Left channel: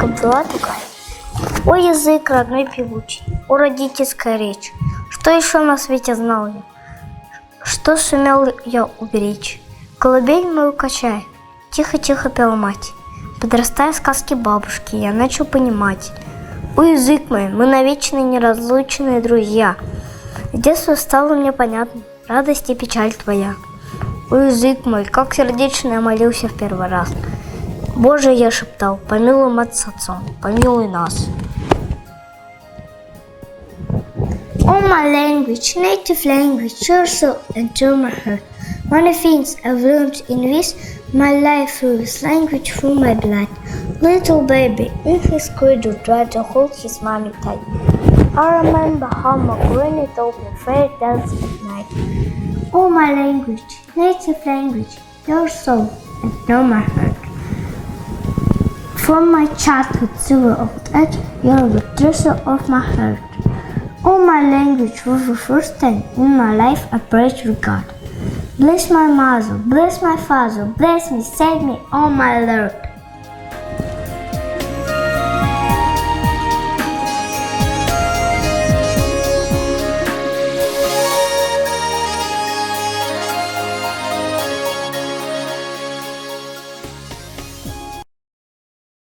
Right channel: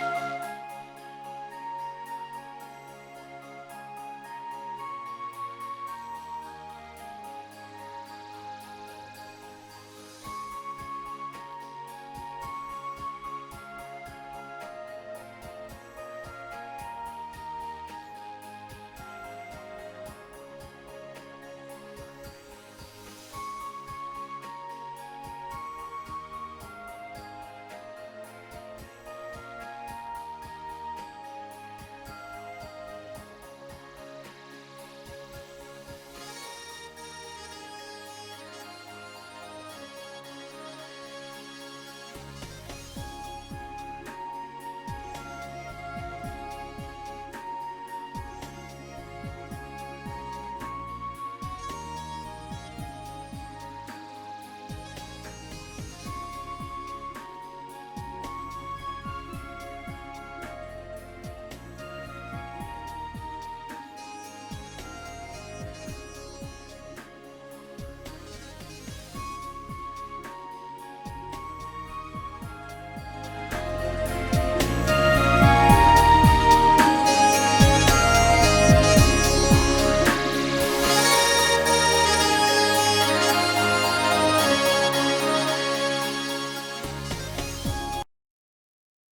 девочка была такая. О, язык родной певучий, о, родительская речь. Что еще на свете знал я? Что сумел я уберечь? Колыбель мою качай, тихо-тихо пела мать. Подрастая сказки бабушки, я начал понимать. О, язык мой, мы навечно неразлучные друзья. С детства стало мне понятно радость и печаль твоя. О, язык мой, как сердечно я молился в первый раз. Боже, я шептал, помилуй мать с отцом, помилуй нас. Oh, my language, native language, your soul and to my heart. Many things I've learned in this, my life through this language, through my blood. Little baby, in his cradle, tried to hold his mommy tight. I remember how my granny told me fairy tales at night. Oh, my language, native language, your soul and to my heart. From my childhood silver old age, you're the treasure of my heart. Oh, my language, for the first time in my life I prayed to God. Bless my mother, bless my father, bless me, save me, oh my Lord.